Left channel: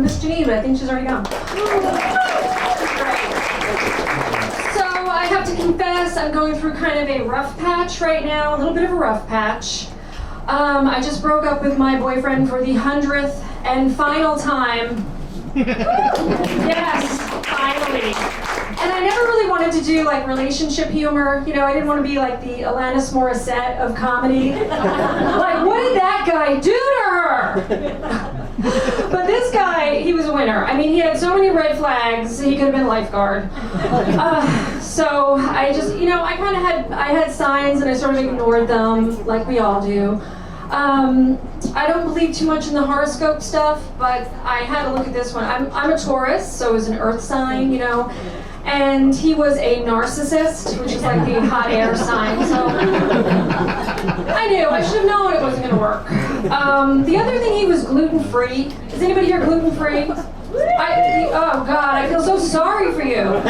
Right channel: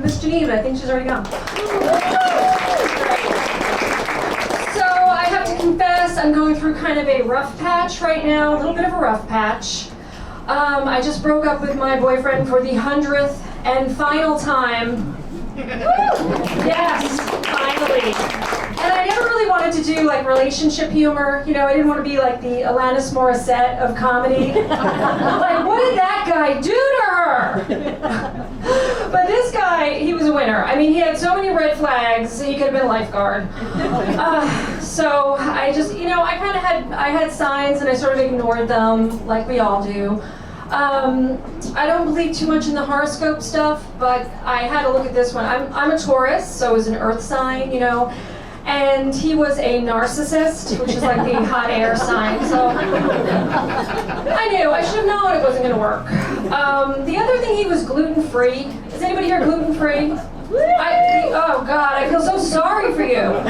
Miss Janine, but I think she's already gone. So I have to confess, I'm going through kind of a rough patch right now, a little bit of a rough patch. I just broke up with my boyfriend for the 100th and final time. Yes, finally. And I never really wanted to do like relationship humor. You know, I didn't want to be like the Alanis Morissette of comedy. Like, what did that guy do to her? But this guy, he was a winner. I mean, he had so many red flags. He could have been a lifeguard. So I just, you know, I kind of had signs and I sort of ignored them, like we all do. I don't believe too much in the horoscope stuff, but I had to look at this one. I'm a Taurus, so it was an earth sign, you know, and he was a narcissist, which is like the hot air sign, so I knew. I should have known it wasn't going to work. The other thing, he was gluten-free. Is anybody here gluten-free? Oh God, I feel so sorry for you.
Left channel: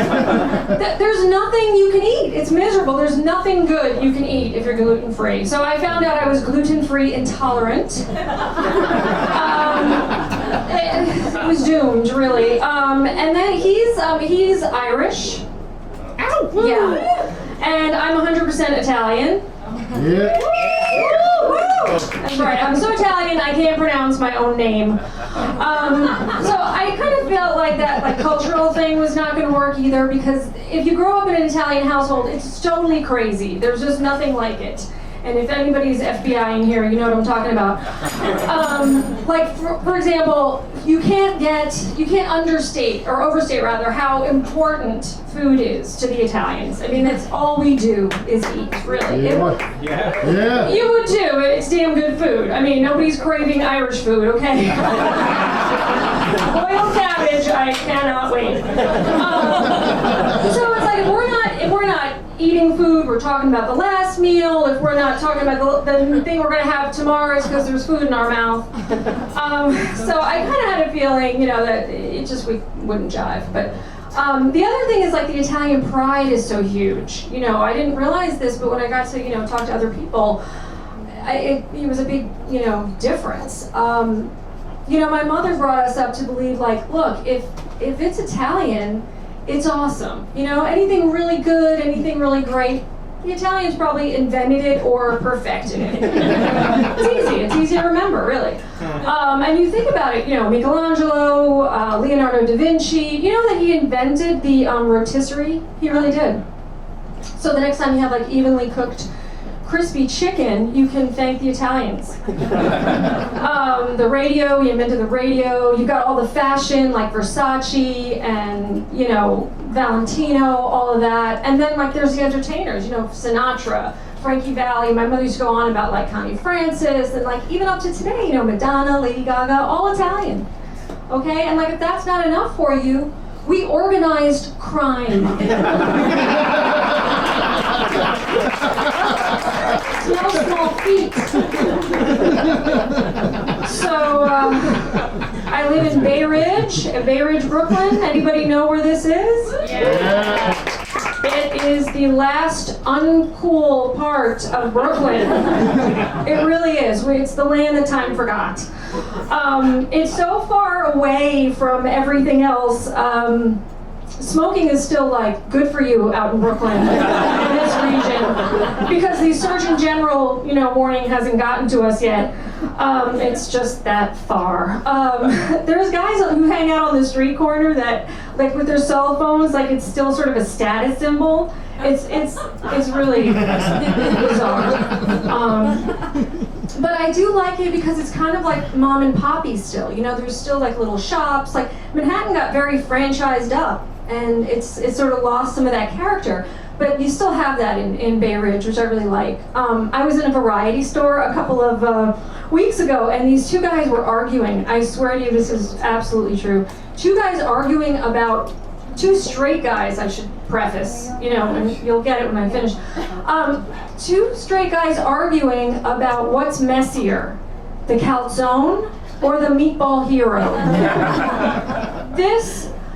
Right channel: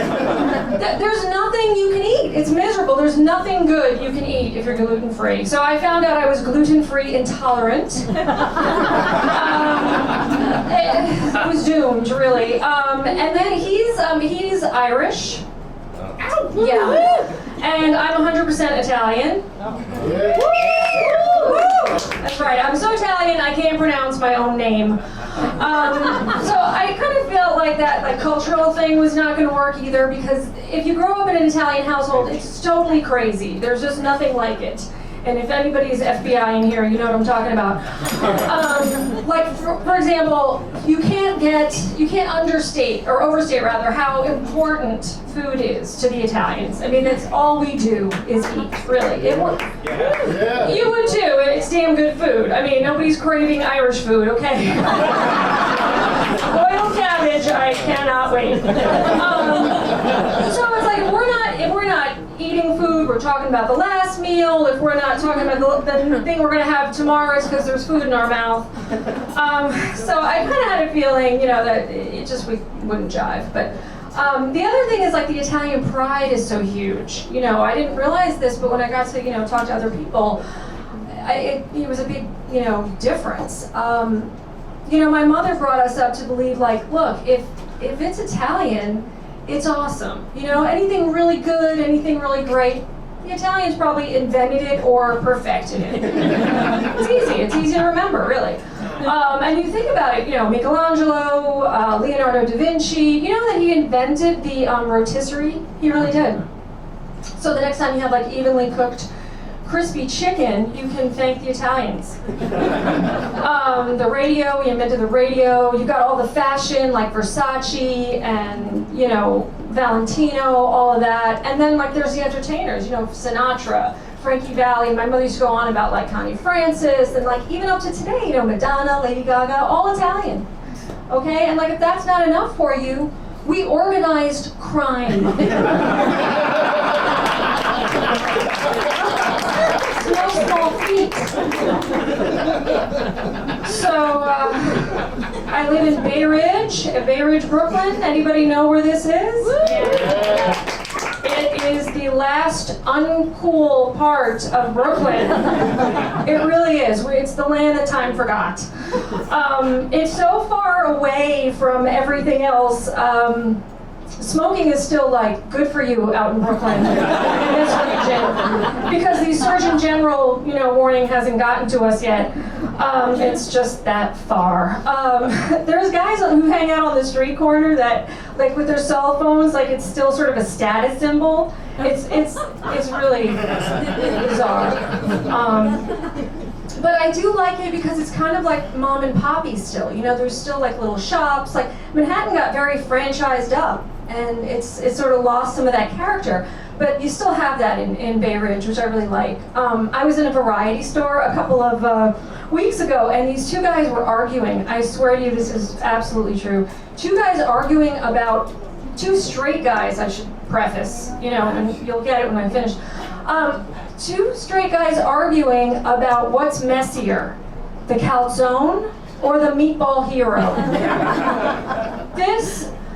There's nothing you can eat. It's miserable. There's nothing good you can eat if you're gluten-free. So I found out I was gluten-free intolerant. It was doomed, really. And then he's Irish. Yeah. And I'm 100% Italian. Yeah. That's right, I'm so Italian I can't pronounce my own name. So I kind of felt like that like cultural thing was not going to work either, because if you grow up in an Italian household, it's totally crazy. There's just nothing like it. And if anybody's FBI in here, you know what I'm talking about. Like, for example, you can't understate, or overstate rather, how important food is to the Italians. I mean, that's all we do is eat, really. Yeah. You would too. It's damn good food. I mean, nobody's craving Irish food, okay? Boiled cabbage, I cannot wait. So it's like, if we're not eating food, we're talking about the last meal. If we're not talking about the thing we're going to have tomorrow, it's because there's food in our mouth. So I kind of had a feeling, you know, that we wouldn't jive. But the other thing is, like, the Italian pride is so huge. You know, I didn't realize this, but when I got to, you know, talk to other people, it was a big, you know, difference. You know, my mother brought us up to believe, like, look, if it's Italian, it's awesome. You know, anything really good, anything really great, the Italians probably invented it or perfected it. It's easy to remember, really. And you think about it, you know, Michelangelo, Leonardo da Vinci, you know that he invented the rotisserie? He really did. So the next time you have like evenly cooked crispy chicken, you can thank the Italians. The radio, he invented the radio. You got all the fashion like Versace and, you know, Valentino, all of that. And then like there's the entertainers, you know, Sinatra, Frankie Valli. My mother used to go on about like Connie Francis, and like even up to today, you know, Madonna, Lady Gaga, all Italian. Okay, and like if that's not enough for you, we organized crime. No small feat. So I live in Bay Ridge, Brooklyn. Anybody know where this is? Yeah. It is the last uncool part of Brooklyn. It really is. It's the land that time forgot. It's so far away from everything else. Smoking is still like good for you out in Brooklyn, in this region, because the Surgeon General, you know, warning hasn't gotten to us yet. It's just that far. There's guys who hang out on the street corner that, like, with their cell phones, like it's still sort of a status symbol. It's really bizarre. But I do like it because it's kind of like mom and poppy still. You know, there's still like little shops. Like Manhattan got very franchised up, and it's sort of lost some of that character. But you still have that in Bay Ridge, which I really like. I was in a variety store a couple of weeks ago, and these two guys were arguing. I swear to you, this is absolutely true. Two guys arguing about, two straight guys, I should preface, you know, and you'll get it when I finish. Two straight guys arguing about what's messier, the calzone or the meatball hero.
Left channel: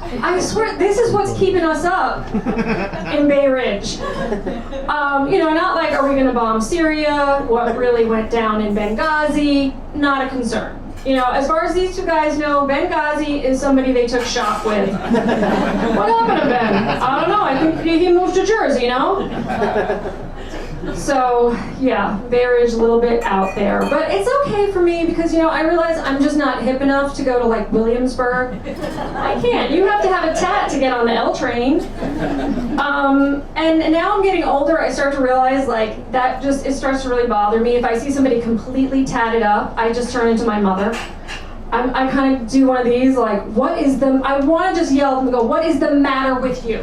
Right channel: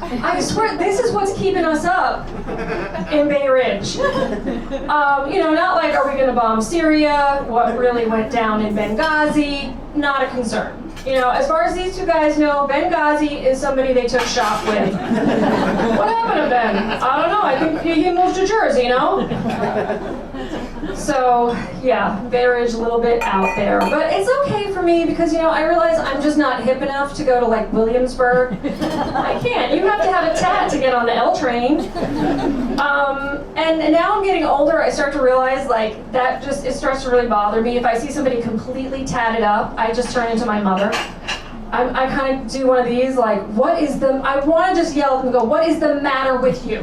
I swear, this is what's keeping us up in Bay Ridge. You know, not like, are we going to bomb Syria? What really went down in Benghazi? Not a concern. You know, as far as these two guys know, Benghazi is somebody they took shop with. What happened to Ben? I don't know. I think he moved to Jersey, you know? So, yeah, marriage a little bit out there. But it's okay for me because, you know, I realize I'm just not hip enough to go to, like, Williamsburg. I can't. You have to have a tat to get on the L train. And now I'm getting older, I start to realize, like, it starts to really bother me. If I see somebody completely tatted up, I just turn into my mother. I kind of do one of these, like, I want to just yell and go, what is the matter with you?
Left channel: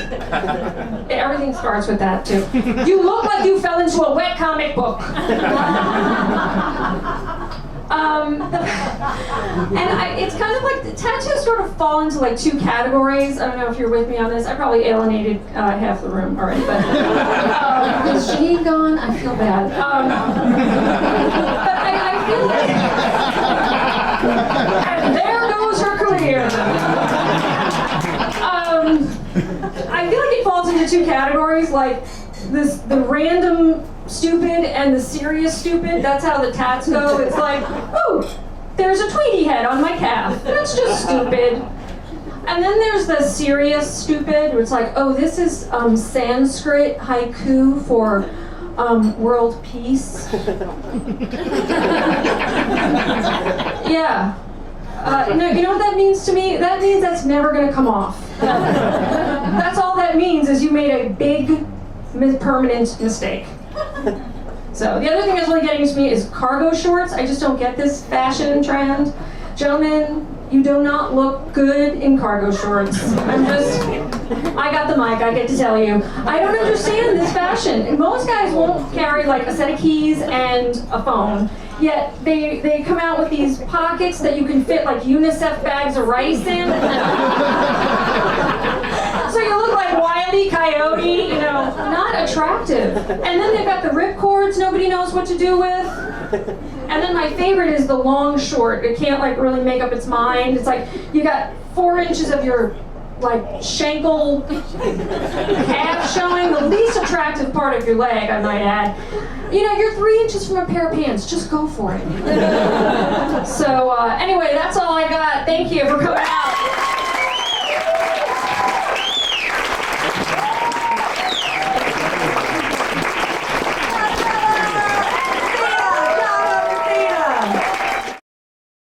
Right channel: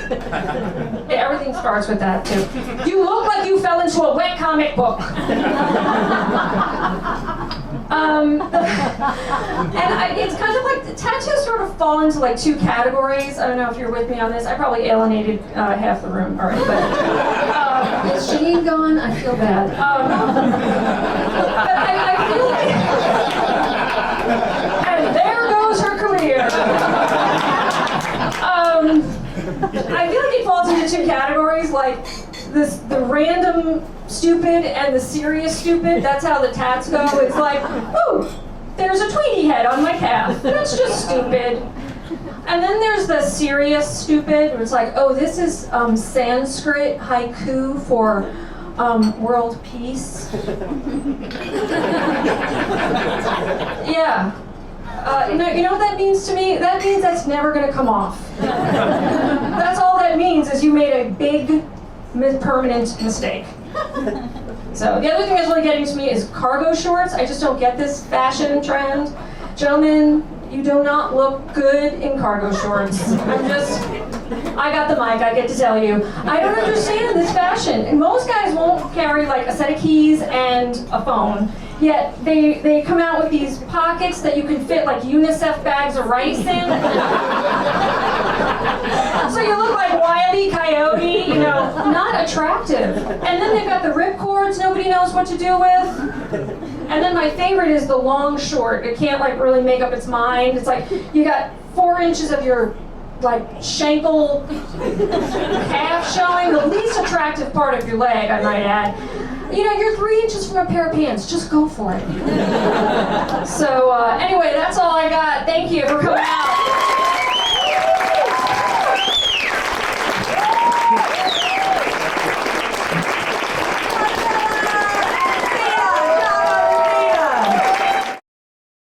Everything starts with that, too. You look like you fell into a wet comic book. It's kind of like, the tattoos sort of fall into, like, two categories. I don't know if you're with me on this. I probably alienated half the room already, but is Shane gone? I feel bad. But I feel like... And there goes her career. I feel like it falls into two categories, like the random stupid and the serious stupid. That's how the tats go. It's like, oh, there's a Tweety head on my calf. That's just stupid. And then there's the serious stupid, where it's like, oh, this is Sanskrit haiku for world peace. Yeah. You know what that means to me? That means that's never going to come off. That's all that means is you made a big, permanent mistake. So the other thing that's really getting to me is cargo shorts. I just don't get this fashion trend. Gentlemen, you do not look good in cargo shorts. I got the mic, I get to tell you. I don't understand this fashion. Most guys won't carry like a set of keys and a phone. Yet they come out with these pockets that you can fit like UNICEF bags of rice in. So you look like Wile E. Coyote, you know, not attractive. And then they've got the ripcords nobody knows what to do with. And then my favorite is the long short. It can't like really make up its mind. It's like you got 4 inches of your like shankel calf showing, the least attractive part of your leg, I might add. You know, you're 3 inches from a pair of pants. Just go for it. So anyway, that's all I got. Thank you for coming.